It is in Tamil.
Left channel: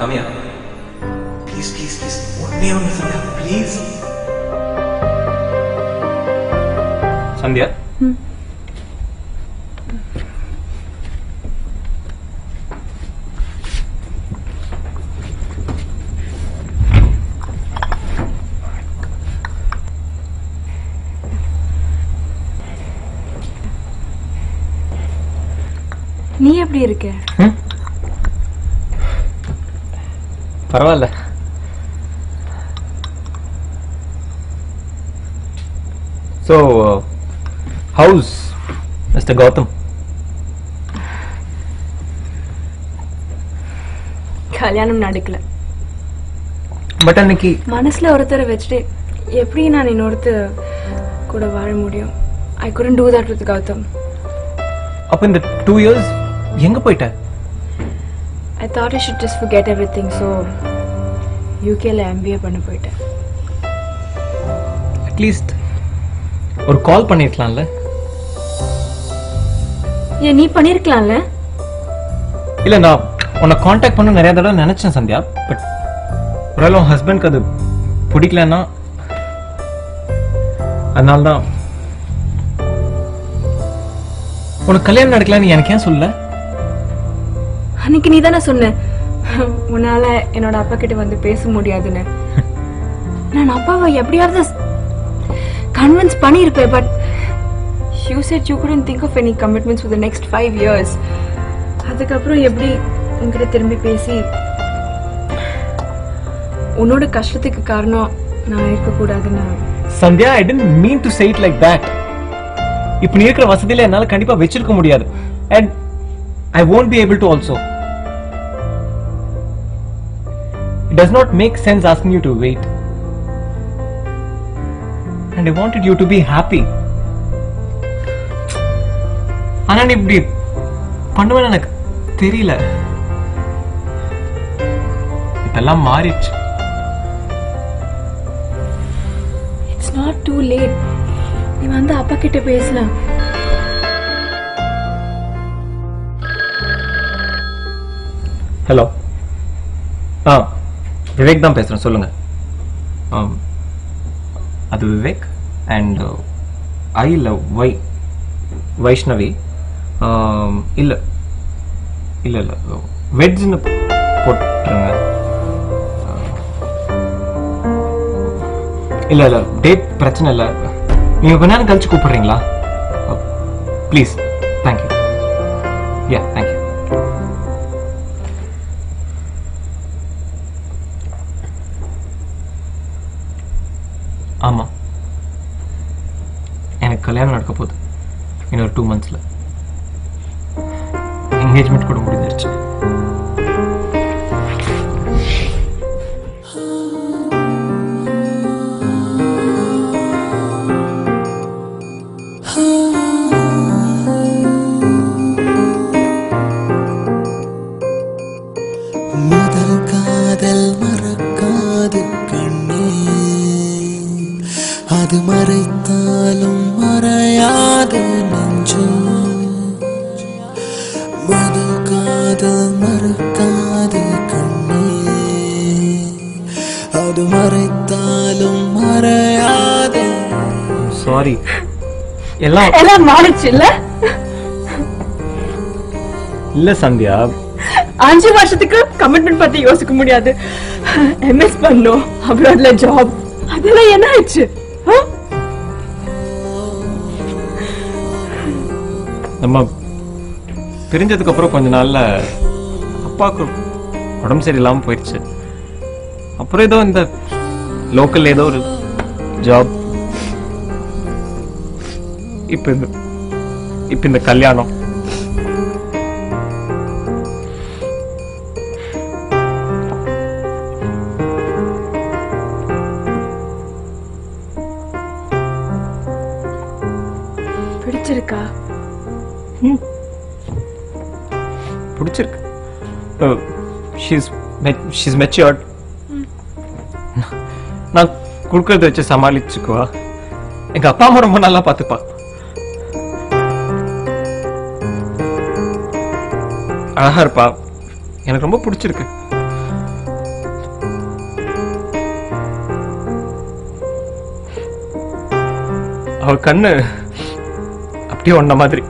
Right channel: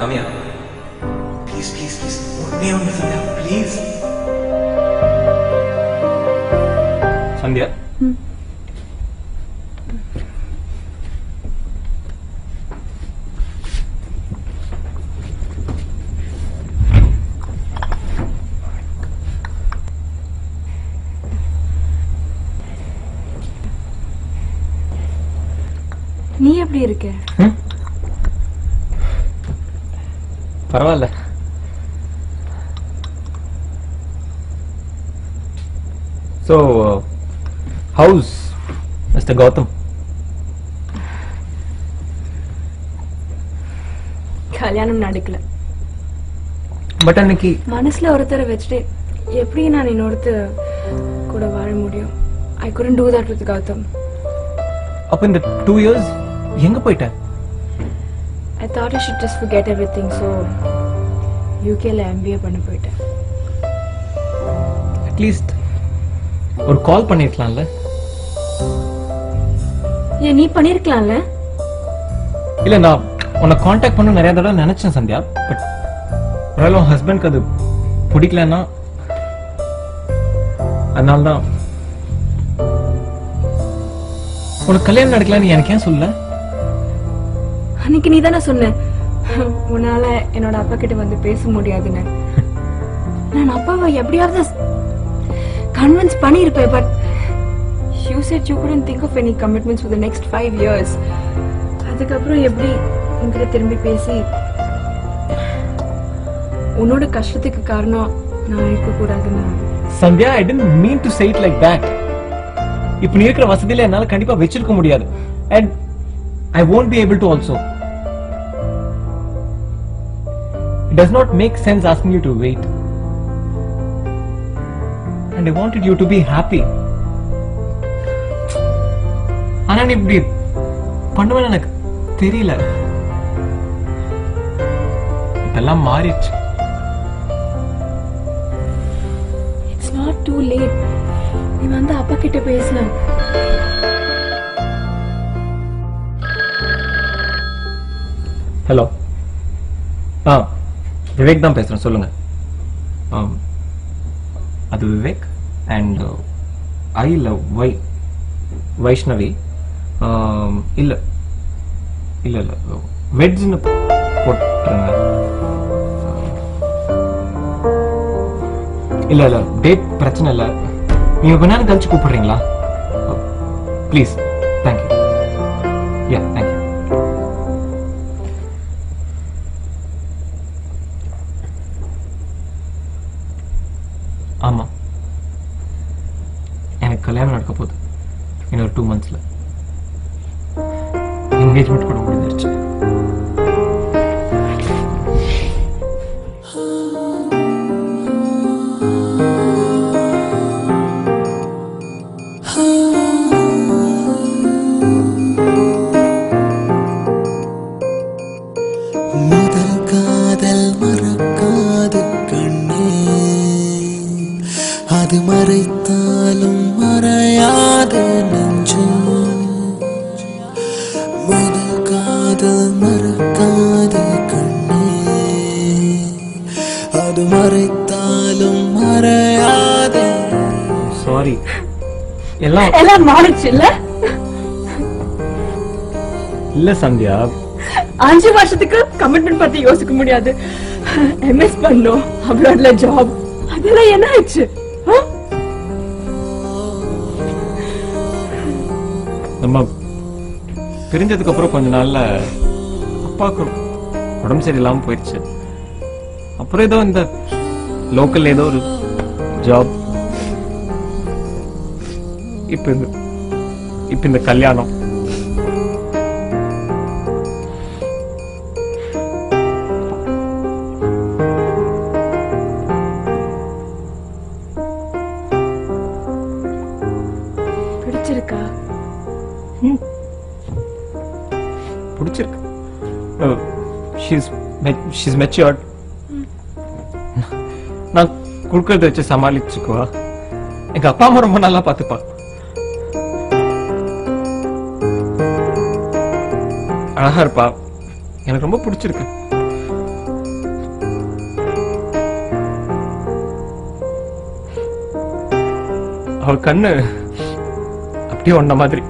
Come here. Please, please, please. ஒண்ணே ஒண்ணு சந்தியா, please. சந்தியா. நீ எப்படி இருக்க? பரவாயில்ல. So, how's Mr. Gautam? கல்யாணம் நடக்கல. பட் அன்னைக்கு மனசுல ஒருத்தரை வச்சுட்டு எப்படி நான் இன்னொருத்தர் கூட வாழ முடியும்? I couldn't do that with Gautam. அப்ப இந்த 2 years எங்க போயிட்ட? I thought I should just forget everything, so UKல MBA பண்ண போயிட்டேன். அட்லீஸ்ட் ஒரு கால் பண்ணிருக்கலாம்ல? ஏன் நீ பண்ணிருக்கலாம்ல? இல்ல, நான் உன்னை காண்டாக்ட் பண்ண நிறைய தடவை நினைச்சேன் சந்தியா. பட் உன் ஹஸ்பண்ட்க்கு அது பிடிக்கலன்னா அதனால்தான். உனக்கு கல்யாணம் நடக்கலன்னு எனக்கு ஏன் சொல்லல? அன்னைக்கு நீ தானே சொன்ன உன்னால என்னோட அப்பா கிட்ட வந்து பேச முடியாதுன்னு. நான் அப்பாவை எப்படியாவது கன்வின்ஸ் பண்ணிருப்பேன். But you said you couldn't think of any commitments for the next 5 years. அதுக்கப்புறம் எப்படி உங்களை திரும்பி பேசி உன்னோட கஷ்டத்துக்கு காரணம் நான் இருக்கக்கூடாது. Sandhya, I didn't mean to say it like that. இப்ப நீ இருக்கிற வசதியில என்னால கண்டிப்பா வச்சிருக்க முடியாது. And I won't be able to also. It does not make sense asking you to wait. And I wanted you to be happy. ஆனா நீ இப்படி பண்ணுவேன்னு எனக்கு தெரியல. எல்லாம் மாறிடுச்சு. It's not too late. நான் வந்து அப்பா கிட்ட பேசினேன். ஹலோ. விவேக் தான் பேசுறேன், சொல்லுங்க. அது Vivek and I love Vaishnavi. இல்ல இல்ல இல்ல வெஜ்னு இல்ல இல்ல டேட் பிரச்சனை இல்ல. நீங்க கொஞ்ச நேரம் கழிச்சு கூப்பிடுறீங்களா? ப்ளீஸ். தேங்க்யூ. தேங்க்யூ. ஆமா, எனக்கு கல்யாணம் நடக்க போகுது இன்னொரு 2 monthsல. என்கேஜ்மெண்ட் கூட முடிஞ்சிருச்சு. முதல் காதல் மறக்காது கண்ணே, அது மறைத்தாலும் மறையாது நெஞ்சு. முதல் காதல் மறக்காது கண்ணே, அது மறைத்தாலும் மறையாது. சாரி, எல்லாம் மாறிச்சு இல்ல? இல்ல சந்தியா, 5 வருஷத்துக்கு கமிட்மெண்ட் பத்தி யோசிக்க முடியாது. எம்எஸ் பண்ணோம், அப்புறம் ஜாப், அதெல்லாம் என்ன ஆச்சு? நம்ம தெரிஞ்சதுக்கு அப்புறம் கொஞ்ச நாள்ல அப்பாவுக்கு உடம்பு சரியில்லாம போயிடுச்சு. அப்புறம் ஏதோ இந்த லோக்கல் ஏதோ ஒரு ஜாப், இப்ப இந்த கல்யாணம். She's matured. நான் குடுக்கறத வச்சு சமாளிச்சுக்குவா. எங்க அப்பா அம்மா ரொம்ப நல்லா பாத்துப்பா. அழகா இருப்பா. எனக்கு ரொம்ப பிடிச்சிருக்கு. உன்ன மாதிரி.